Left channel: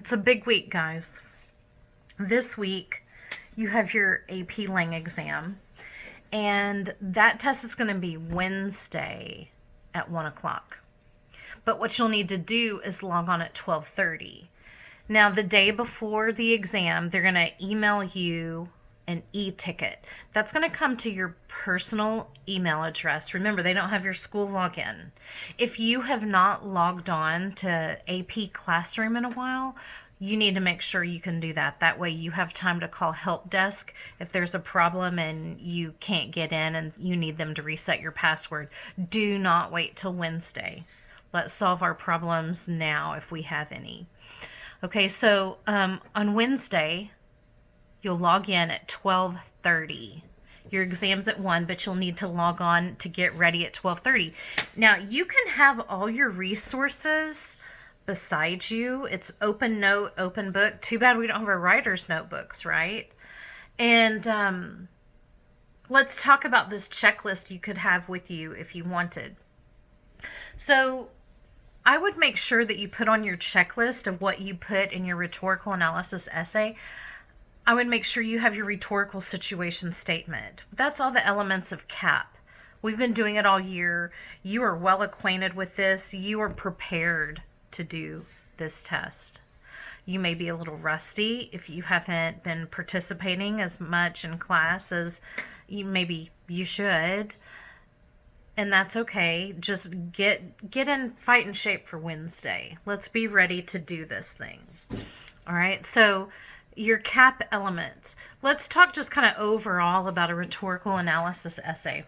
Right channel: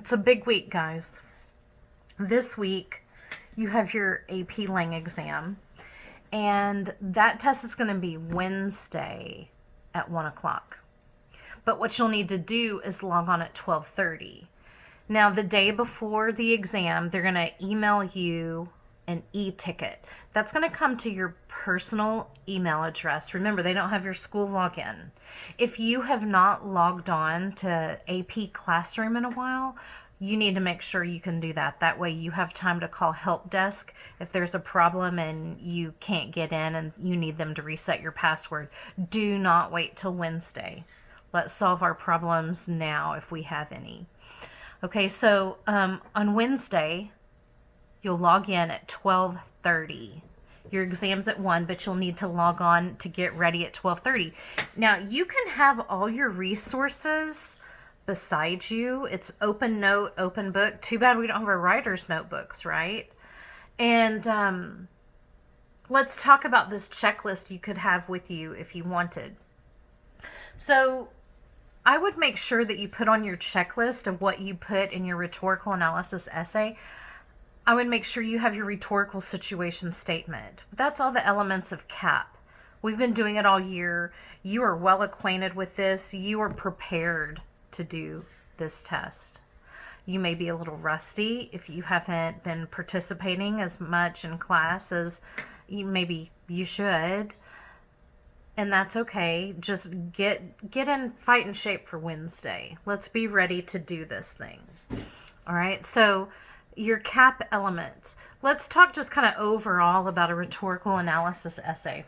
It's a big week, guys. This week, you have your AP Lang exam, and that test is going to be Wednesday at 1 o'clock. But what you'll need to do is log on at 12:30. Now, the day before the exam, they're going to email you an e-ticket. That's going to come to your personal email address. Remember, they don't have your school login. If you have not logged on to AP Classroom in a while, you need to make sure you can do that. That way you have time to call help desk if there's a problem and you can't get in and you need them to reset your password. Do not wait till Wednesday. Let's solve our problems now if we have any. Okay, so on Wednesday, you'll log in at 12:30. Your exam's at 1, but you'll need to log on to get ready at 12:30. Now, you can have all your resources beside you. It's open note, open book. Too bad we don't have our writer's notebooks, right? And let's talk about this checklist you could have with you if you wanted. So I would make sure that you put on your checklist of what you put in your rhetorical analysis essay. I would make sure you have your rhetorical situation statement. That's all the elements of CAP. We've been doing it all year. You are well acquainted with this. You are prepared to do this test. You may be a little rusty if you haven't been participating as much in class as maybe you should. And that's okay. Just get in fighting shape for Wednesday. Let's be ready to do this thing. All right. So your CAP elements. Let's talk just kind of overall about a rhetorical analysis essay.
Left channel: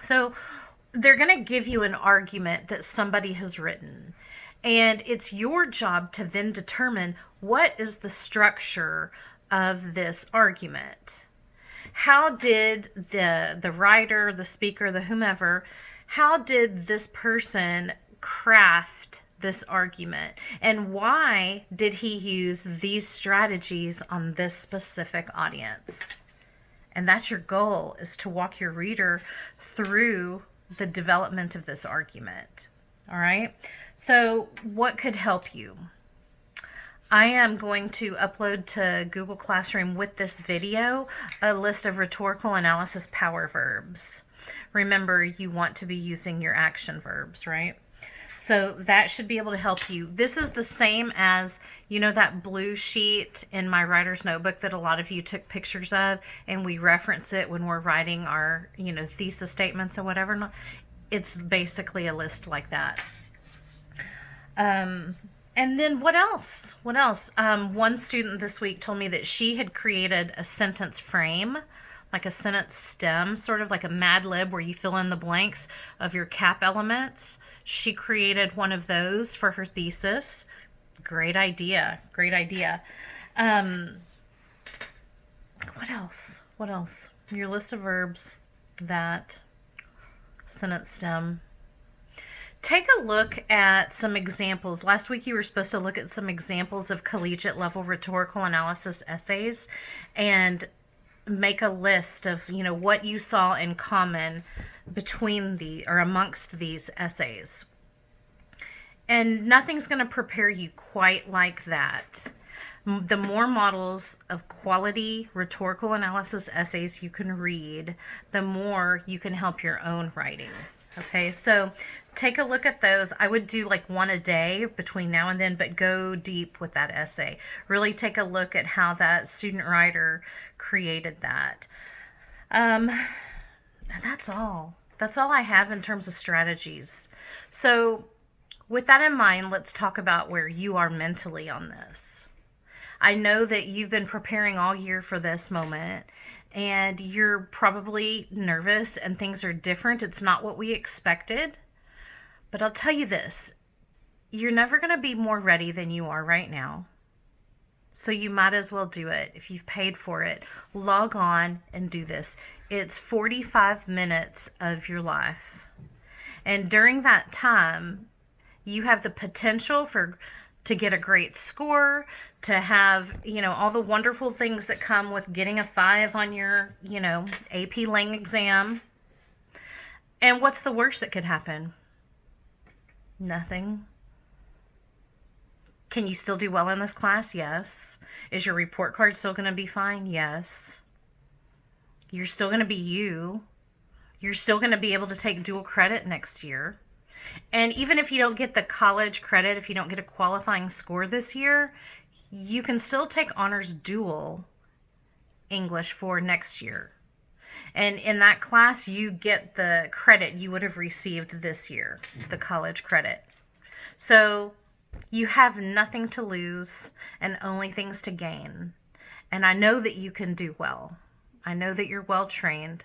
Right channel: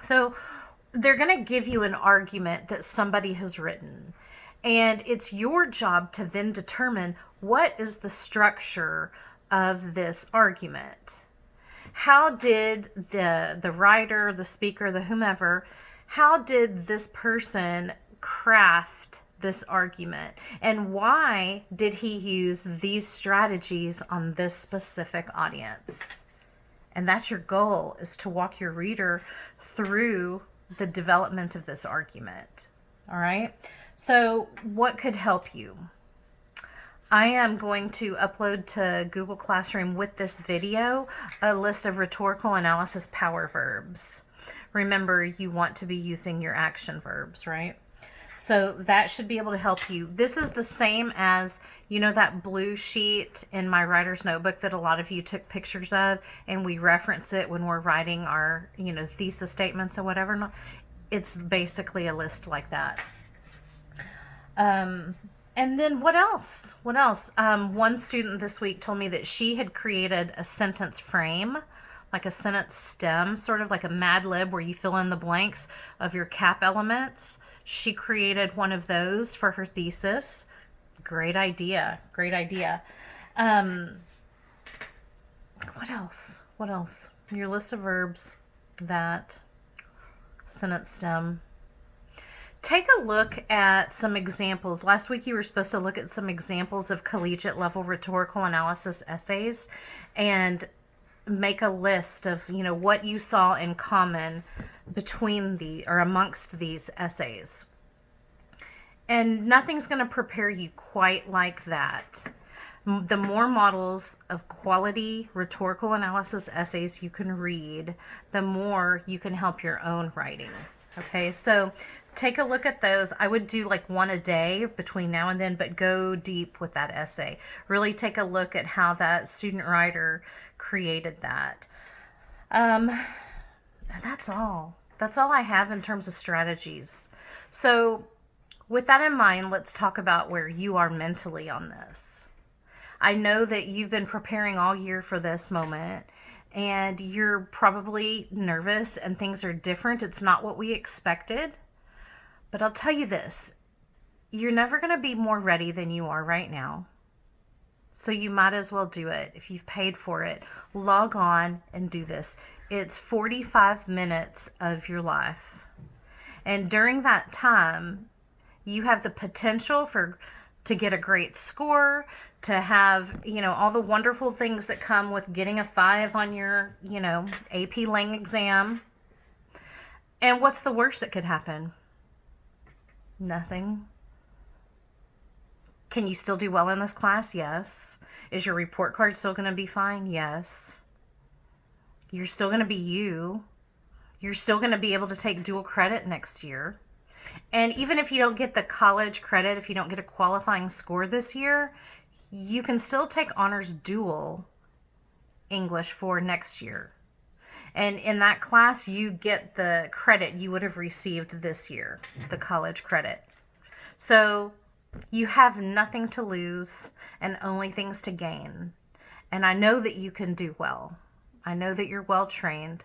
So they're going to give you an argument that somebody has written. And it's your job to then determine what is the structure of this argument. How did the writer, the speaker, the whomever, how did this person craft this argument? And why did he use these strategies on this specific audience? And that's your goal, is to walk your reader through the development of this argument. All right? So what could help you? I am going to upload to Google Classroom with this video a list of rhetorical analysis power verbs. Remember, you want to be using your action verbs, right? So that should be able to help you. This is the same as, that blue sheet in my writer's notebook that a lot of you took pictures of, and we reference it when we're writing our, thesis statements or whatever. It's basically a list like that. And then what else? One student this week told me that she had created a sentence frame, like a sentence stem, sort of like a Mad Lib where you fill in the blanks of your CAP elements. She created one of those for her thesis. Great idea. What else? Your list of verbs, that sentence stem. Take a look at some examples. Last week you were supposed to look at some examples of collegiate level rhetorical analysis essays and make a list of, what you saw in common between amongst these essays. And nothing's going to prepare you quite like that. The more models of quality rhetorical analysis essays you can read, the more you can help your own writing. Okay, so take a look at those. I would do like one a day between now and then, but go deep with that essay. Really take a look at how that student writer created that. That's all. That's all I have in terms of strategies. So with that in mind, let's talk about where you are mentally on this. I know that you've been preparing all year for this moment, and you're probably nervous and things are different. It's not what we expected. But I'll tell you this, you're never going to be more ready than you are right now. So you might as well do it. If you've paid for it, log on and do this. It's 45 minutes of your life. And during that time, you have the potential to get a great score, to have, all the wonderful things that come with getting a 5 on your, AP Lang exam. And what's the worst that could happen? Nothing. Can you still do well in this class? Yes. Is your report card still going to be fine? Yes. You're still going to be you. You're still going to be able to take dual credit next year. And even if you don't get the college credit, if you don't get a qualifying score this year, you can still take honors dual English for next year. And in that class, you get the credit you would have received this year, the college credit. So you have nothing to lose and only things to gain. And I know that you can do well. I know that you're well trained.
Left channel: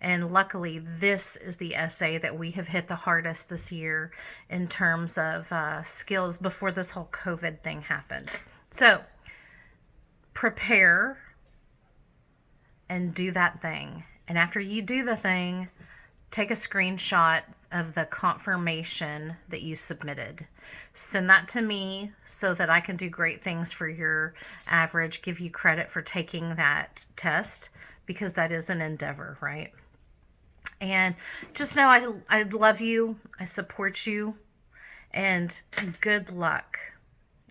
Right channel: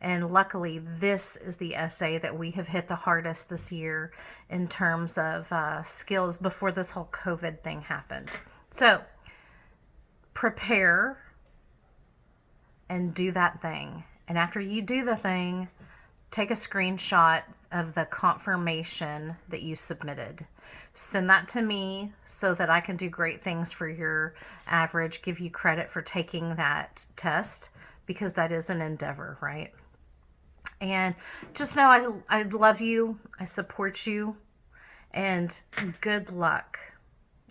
And luckily, this is the essay that we have hit the hardest this year in terms of skills before this whole COVID thing happened. So prepare and do that thing. And after you do the thing, take a screenshot of the confirmation that you submitted. Send that to me so that I can do great things for your average, give you credit for taking that test, because that is an endeavor, right? And just know I love you, I support you, and good luck.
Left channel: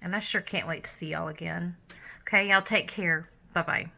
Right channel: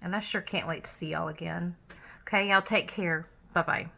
And I sure can't wait to see y'all again. Okay, y'all take care. Bye-bye.